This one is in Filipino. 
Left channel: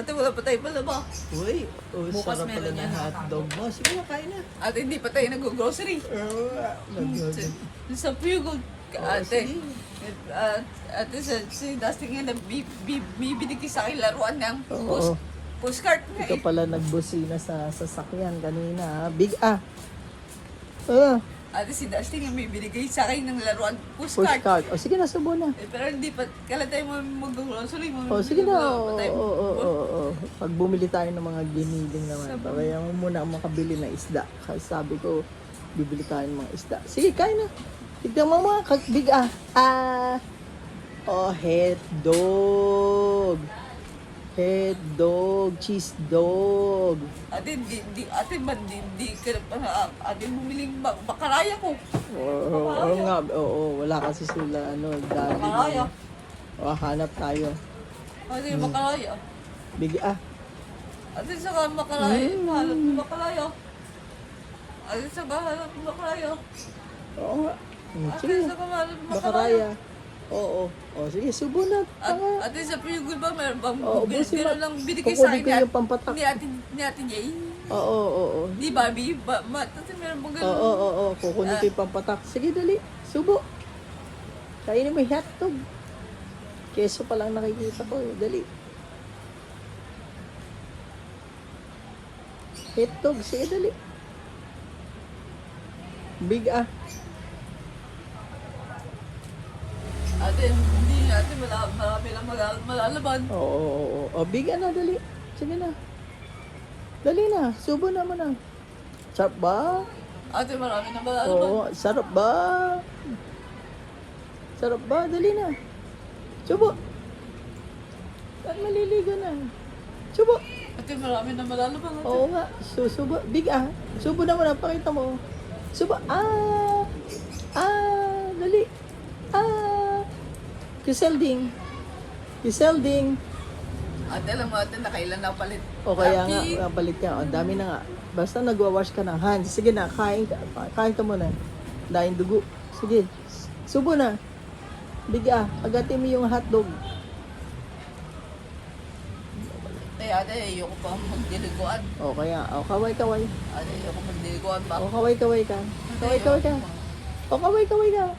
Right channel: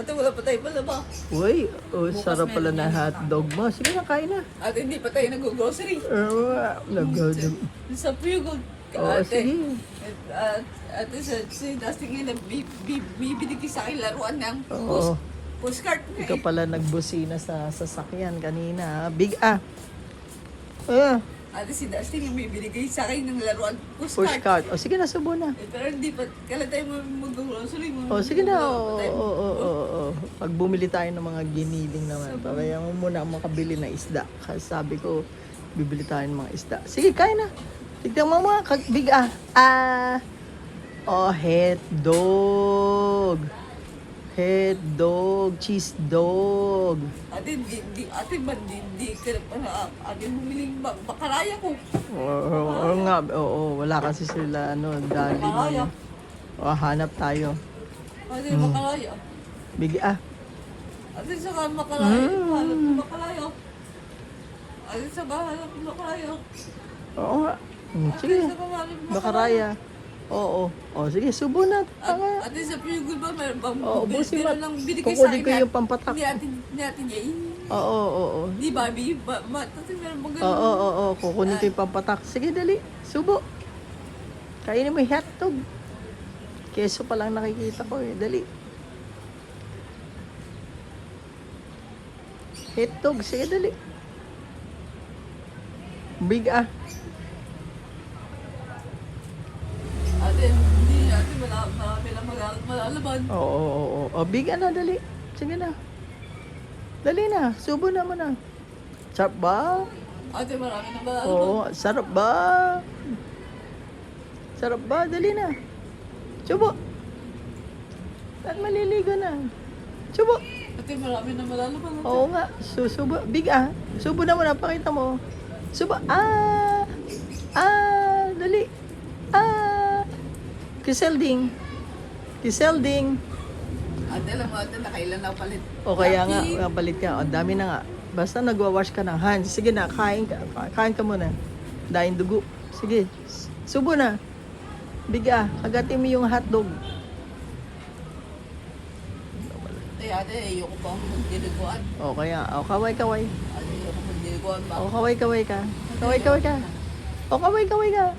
Ate, wala pa tayo pala ba? Uy, sarap pala na hotdog mo. Sige na, kain na. Ate, hindi pa tayo nag-grocery. Nag-hotdog. Sa Puyugog. Oo, Ate, sige. ate, si Dusty nga bibili ko sa akin laruan ng Oo. postcard nga eh. Ito pala nagbusina sa sasakyan kanina. Big ah. Eh, Ate, si Dusty nga bibili ko sa akin ng laruan postcard. pushcart. O, sige na, subo na. Pero hindi pa, kala tayo mag-grocery mo. O, sige na. Wala pa tayo. Pag bumili tayo ng mga giniling na kaya mo muna ako makabili ng isda. Sabi ko, bibili tayo ng mga isda. Sige, kain na. Tignan mo mga big ah. Head dog. Head dog. Cheese dog. Ate, di ka na ate bumiling makaraya ko. Oo nga. Oo, wala kasi sila dahil. Makaraya. Hanap tayo. Ate, makaraya. Big ah. Ate, saka makaraya. Hanap ko makaraya. Ate, saka hanap ko makaraya. Oo nga. Ate, saka hanap ko makaraya. Makaraya. Oo. O sige, subo na. Ate, sa Puyugol ba, meron bang meron lang binigay sa akin Kukunin ko yung pampatak. ni ate niya eh. Oo. Di Barbie, ate, meron bang ganun? Oo. Kukunin ko yung pampatak. Sige, dali. Subo. Kainin mo yung hotdog. Keso pa lang nakikita ko. Dali. Hotdog. Sige, dali. Big ah. Ate, hindi ate, marami lang malalaban. Oo. O, big ah na, dali. Sige na. Dali na. Subo na mo na. Sarap ba? Ate, marami nang malalaban. Oo, sarap ba? Sarap ba? Dali na. Subo. At maliligo na. Subo. Ate, marami nang malalaban. Ate. Oo nga. Subo. Big ah. Subo na mo na. Pakita mo. Subo. Dali. Kiselding. Ate, alam mo ate, nakailan na palit. O kaya Lucky. nga, kapalit ka. O, dami na nga. Basta nagwawash ka ng hands. Sige na, kain ka. Kain ka muna. Daing dugo. Sige. Subo na. Biga, agatin mo yung hotdog. Ate, ayoko pa magdiliguan. O kaya, kaway-kaway. Ate, ayoko magdiliguan ba? Kaway-kaway ka. Kaway-kaway ka. O, kaway-kaway ka.